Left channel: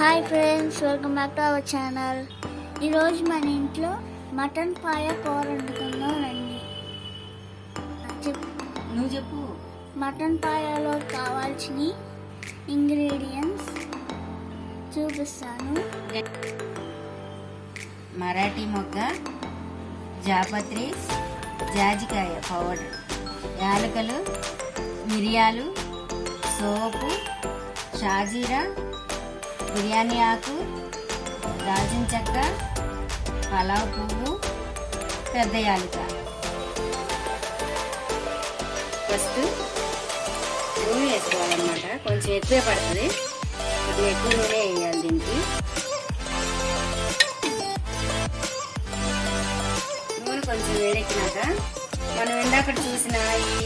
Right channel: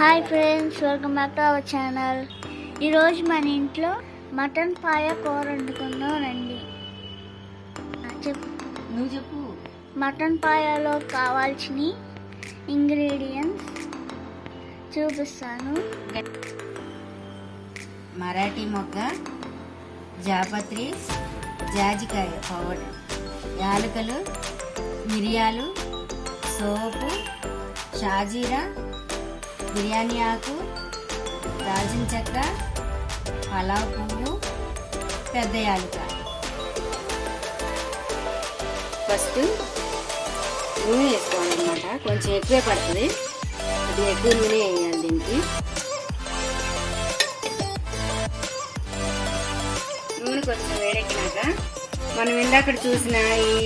Hi friends, welcome back to our channel. ఈరోజు మన ఇంట్లో మటన్ పాయ కూర వండుకుందాం రండి. చెప్పు. మటన్ పాయలో కావాల్సిన ఇంగ్రీడియంట్స్ చూపిస్తాను. మరాఠీ మొగ్గ, జాపత్రి, జాజికాయ పౌడర్, యాలకులు, మిరియాలు, సోపు, షాజీరా, బిర్యానీ ఆకు, దాల్చిన చెక్క, పలావ్ పువ్వు, పెద్ద యాలక. ఫస్ట్ నూనె వేసుకోవాలన్నమాట. కొంచెం ఎక్కువే పడుతుంది, కొద్దిగా ఎక్కువ నూనె వేయాలి దీనికి. నూనె కొంచెం వేడెక్కినాక మనం ఇందాక చూసిన ఈ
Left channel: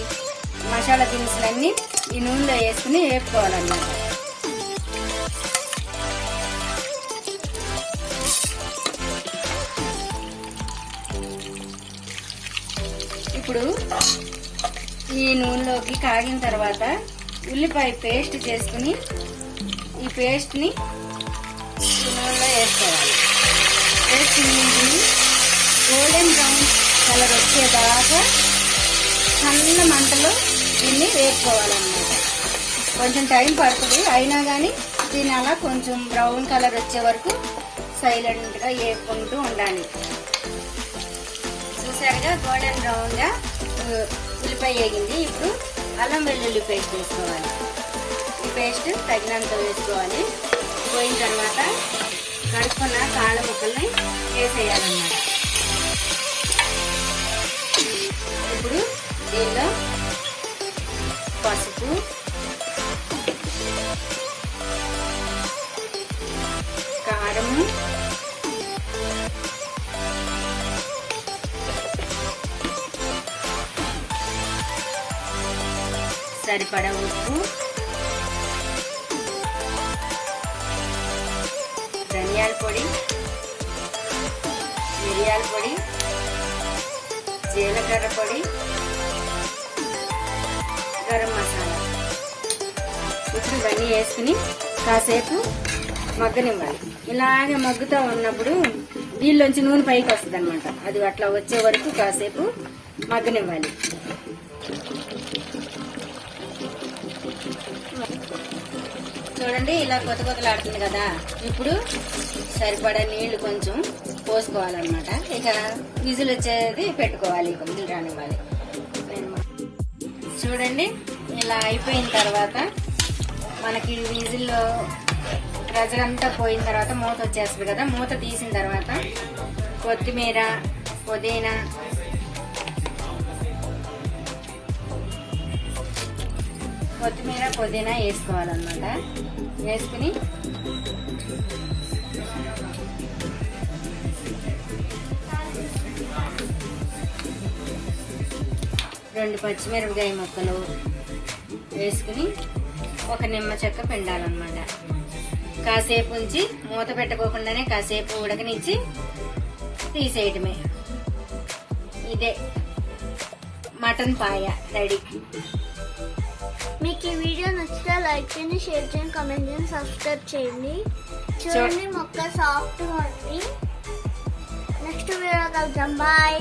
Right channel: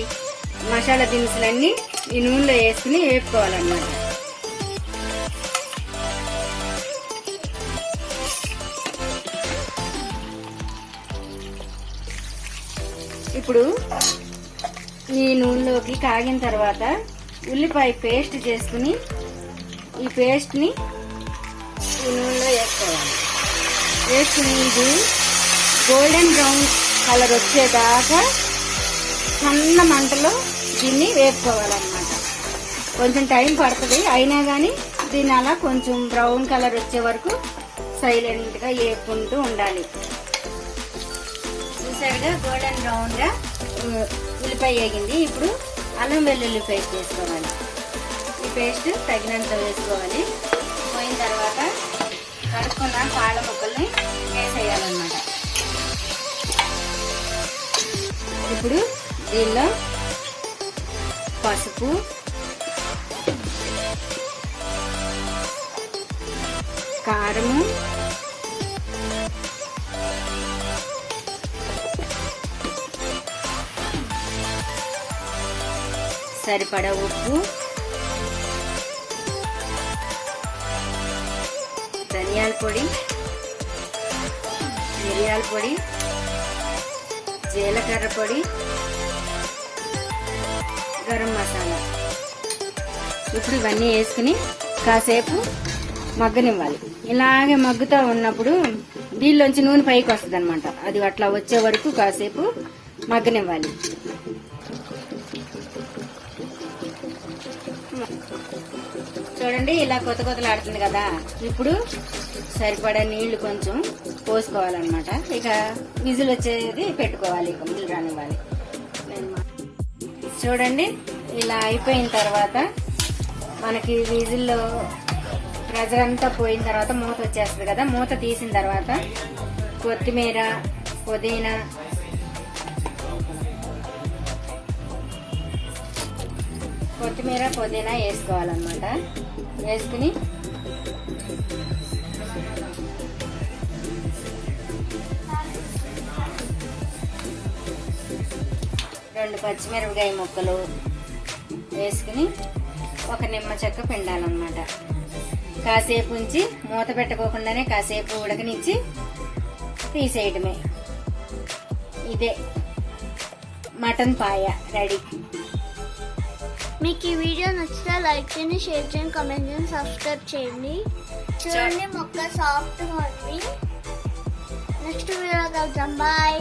మసాలా దినుసులన్నీ ఈ నూనెలో వేసుకుని వేపుకోవాలన్నమాట. ఇప్పుడు ఈ నూనెలోకి కాగిన తర్వాత ఉల్లిపాయ పేస్ట్ చేసుకుని ఈ పేస్ట్ని ఈ నూనెలో వేసుకోవాలి. వేసుకుని ఇది గోల్డెన్ బ్రౌన్ కలర్ వచ్చేదాకా సన్న మంటలో దీన్ని వేసుకోవాలన్నమాట. కొంచెం టైం పడుతుంది, అయినా కానీ దీన్ని అలా కొంచెం బ్రౌన్ కలర్ వచ్చే వరకు సైలెంట్గా వేపుకుంటూ ఉండాలి. చూసారుగా గోల్డెన్ బ్రౌన్ గా ఉల్లిపాయ వేగింది. ఇప్పుడు అల్లం వెల్లుల్లి పేస్ట్ వేసుకోవాలి. ఈ పేస్ట్ తగినంత వేసుకోవాలి. పోయిన తర్వాత కడుక్కున్న కాళ్ళ ముక్కల్ని వేసేయాలన్నమాట. ఇప్పుడు దీనిలో పసుపు, కారము, సరిపడా ఉప్పు, ధనియాల పొడి, మిరియాల పొడి, జీలకర్ర పొడి, గరం మసాలా. ఇప్పుడు ఇవన్నీ వేసుకుని కాసేపు మగ్గనివ్వాలి. ఇలాగే మగ్గుతూ ఉన్నప్పుడు దీనిలోంచి నూనె పైకి వస్తుంది అనమాట. అది అట్లా వచ్చే వరకు కాసేపు మగ్గనివ్వాలి. చూడండి, ఇలా కొత్త కొత్తలాడుతుంది కదా. ఇప్పుడు సరిపడా నీళ్లు కొంచెం పోసుకోవాలన్నమాట. ఇక విజిల్ వచ్చేది పెట్టుకోవాలి. ఇక విజిల్ రానివ్వాలి. చూడండి, ఇలా అయిపోయిన తర్వాత మనకి విజిల్ ప్రెజర్ అంతా పోయిన తర్వాత మూత వచ్చేస్తుంది కదా. మూత తీసిన తర్వాత కొత్తిమీర, పుదీనా, వేసుకోవాలన్నమాట. వేసుకుని రెండు పచ్చిమిరపకాయ ముక్కలు వేసుకుని ఒక నిమ్మ చెక్క పిండాలన్నమాట. కాసేపు ఉంచి మూత పెట్టుకోకుండానే కాసేపు ఉడకనిచ్చి తీసేయటమే. ఇదే మటన్ పాయ రెడీ. మీకు ఈ వీడియో నచ్చితే లైక్ చేయండి, షేర్ చేయండి, కామెంట్ చేయండి, సబ్స్క్రైబ్ చేయండి. చూడండి, మొక్క సాఫ్ట్గా ఉంది. నెక్స్ట్ వీడియో కలుద్దాం. బాయ్.